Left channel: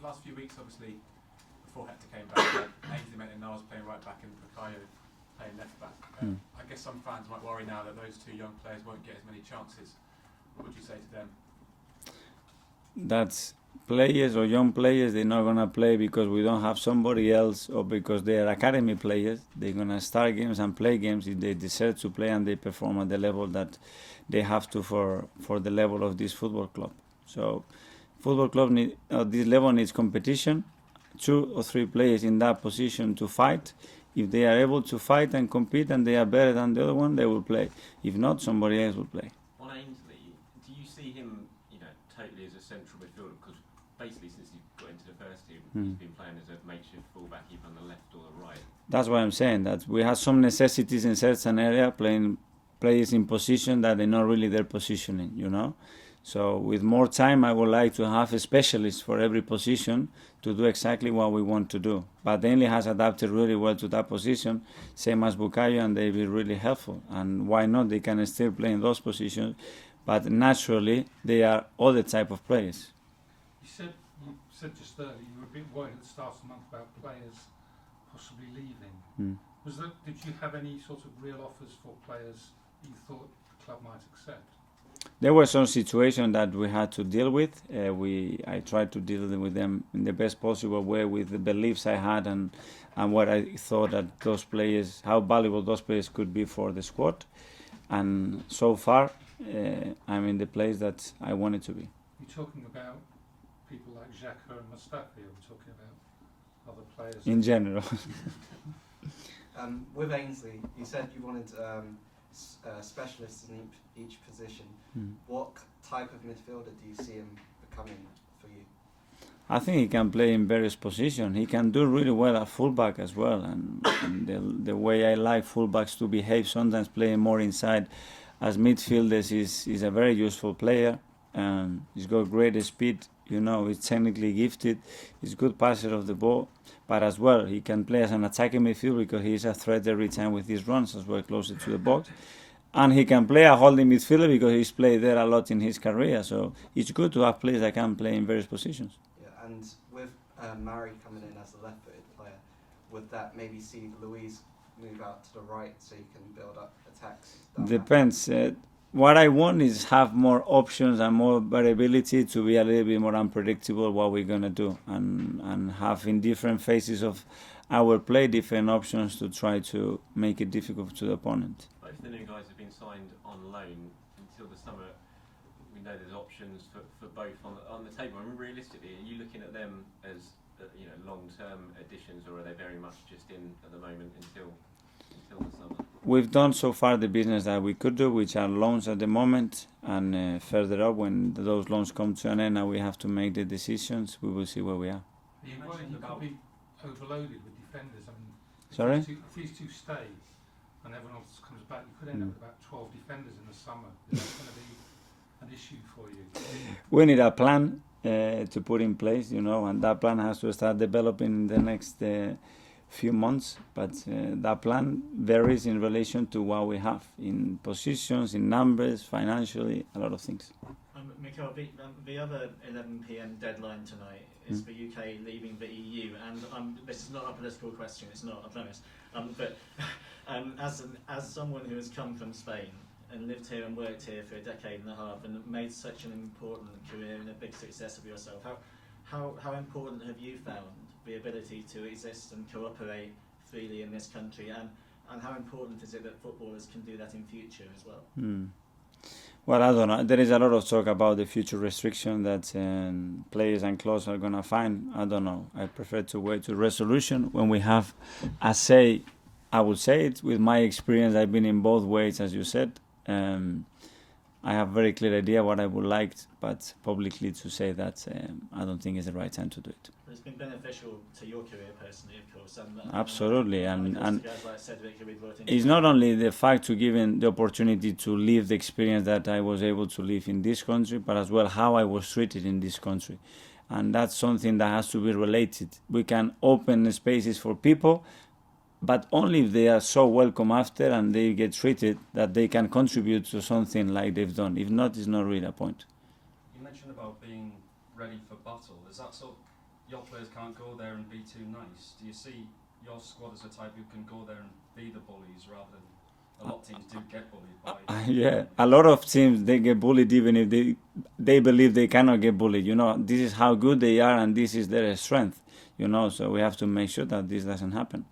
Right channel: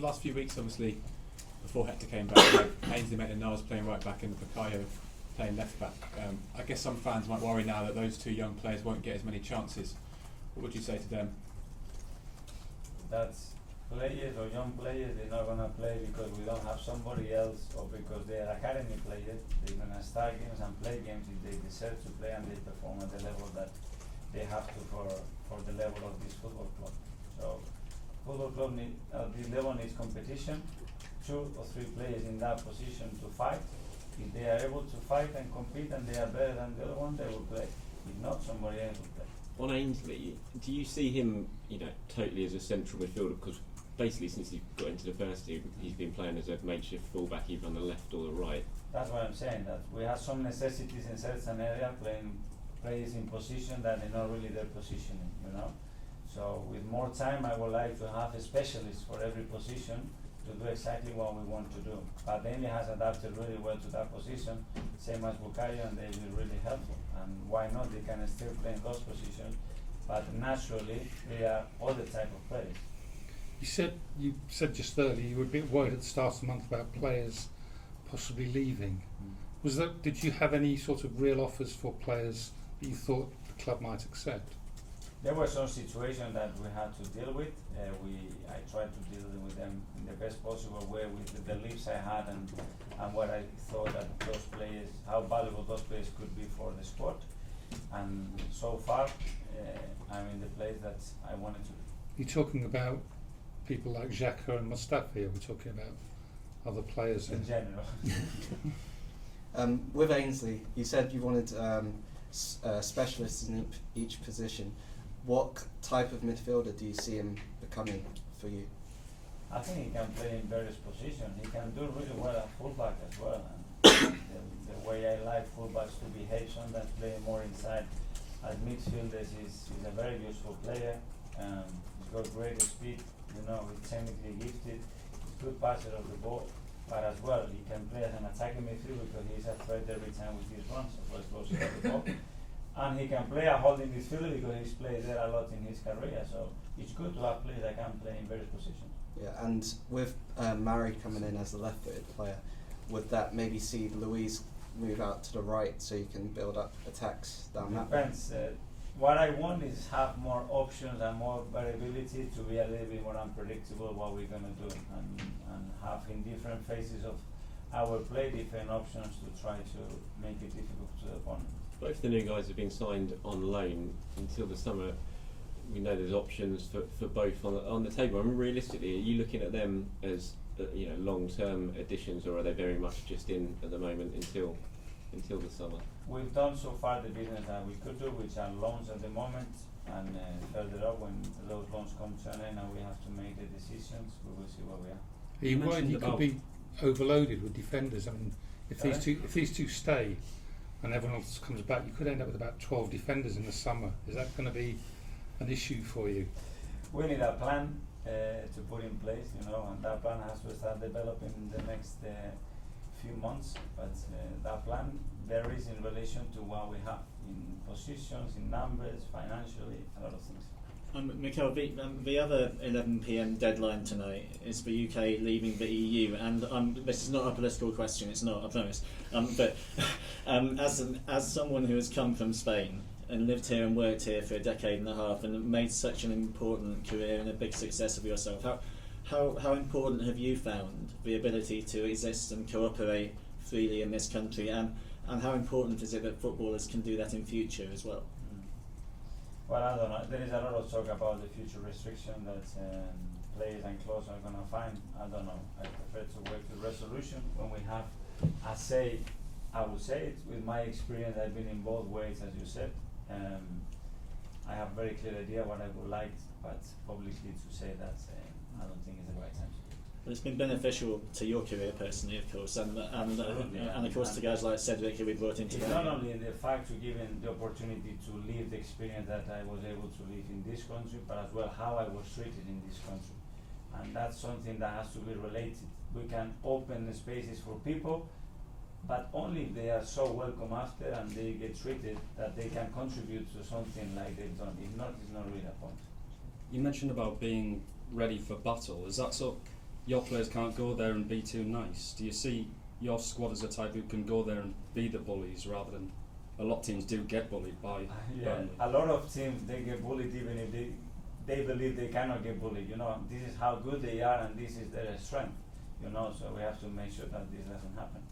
last few weeks, obviously, before Hector came back, Ainsley Maitland-Niles playing right back and Bukayo playing left back. I guess some fans might worry now that those two young players won't get as many chances. What would you say to them? That's players or young players, they're not going to play because we don't have somebody else or because they are academy players. They're going to start games and play games if they deserve to play and they perform at the level that they have to for the level of this football club. So football club at this level needs competition, 2 or 3 players in that position to fight. If they are able to fight and compete and they are better than the other one, they will play. If not, somebody else will play. On Ainsley, do you see him, totally as a central midfielder? Because basically, since he got into the first team, he's been playing as a makeshift fullback, either on the left or the right. That's why I'm saying that we have some necessities in certain area, playing players in position that they're not really their positioning, So with more time, I would like to have a specialist for every position to do exactly what we want to do. But Ainley has adapted really well to that position, same as Bukayo, and they've been really helpful. And why not? They can still play in those positions, but naturally they are other type of players. You said just earlier you were a bit worried at the start of the month about players possibly leaving. Did you have any sort of real offers for players that you thought the club might accept? There were some situations that we had to deal with. I tried to deal with them in the best possible way with the beliefs I had and what I thought that those players, how valuable those players could be for the squad. And so far, I'm in the place that I wanted to be. You're talking about people like Xhaka and Mustafi, or we're talking about other players? In general. With Ainsley, you said you wanted specialists in each position. What type of midfielder do you see him becoming for you? I think he can play in various positions. He can do really well at fullback as well. And the way I like fullbacks to behave, sometimes playing more inside as midfielders, is a very useful player. He's got great speed. He's technically gifted. He's a good passer of the ball. But as well, he can play as an attacking midfielder because he's a threat every time with his runs as well, closer to the box. And he can play a holding midfielder because he's played there a lot in his career. So it's good to have players that can play in various positions. Yeah, and with Mari coming in as a left-footed player, would that maybe see Luis move out to the right so you can build up attacks? Depends. What I want is have more options and more variability to be a little bit more unpredictable what we're going to do and have in different phases of our play different options to try to make it difficult to the opponent. Both the new guys have been signed on loan until the summer. We know there's options for both on the table. I mean, realistically, are you looking at them as long-term additions, or are they very much just in at the moment until the summer? We've done so far the business that we could do, which are loans at the moment, and further up when those loans come to an end and we have to make the decisions, we will see where we are. Are you worried you could be overloaded with defenders? I mean, if these two stay and everyone else comes back, you could end up with about 12 defenders in the summer. Is that going to be an issue for you? We need a plan to put in place, and that plan has to start developing in the next few months, but that plan varies in relation to what we have in positions, in numbers, financially, a lot of things. Mikel, the other 11 p.m. deadline tonight is the UK leaving the EU, and this is not a political question, it's not, I promise, but as someone who has come from Spain and lived here and worked here for a decade and a half and made such an important career and a big success of yourself, how important have you found the ability to exist and cooperate freely in this country, and how important is it that footballers can do that in future as well? Well, I don't know. There is a lot of talk about the future restriction that players and clubs are going to find. I don't know. I prefer to wait to resolution when we have a say. I would say it with my experience. I've been in both ways, as you said. I have a very clear idea what I would like, but publicly to say that I don't think it's the right time to do it. But it's been beneficial to your career personally, of course. Absolutely. And of course, the guys like Cedric who we brought into it's not only the fact to give the opportunity to live the experience that I was able to live in this country, but as well how I was treated in this country. And that's something that has to be related. We can open spaces for people, but only if they are so welcome after and they get treated that they can contribute to something like they've done. If not, it's not really a point. You mentioned about being ready for battle. Is that your players can't go there and be too nice? Do you see your squad as a type who can go there and be the bullies rather than a lot of teams do get bullied by? Yeah, a lot of teams, they get bullied even if they believe they cannot get bullied. You know, this is how good they are and this is their strength. You know, so we have to make sure that this doesn't happen.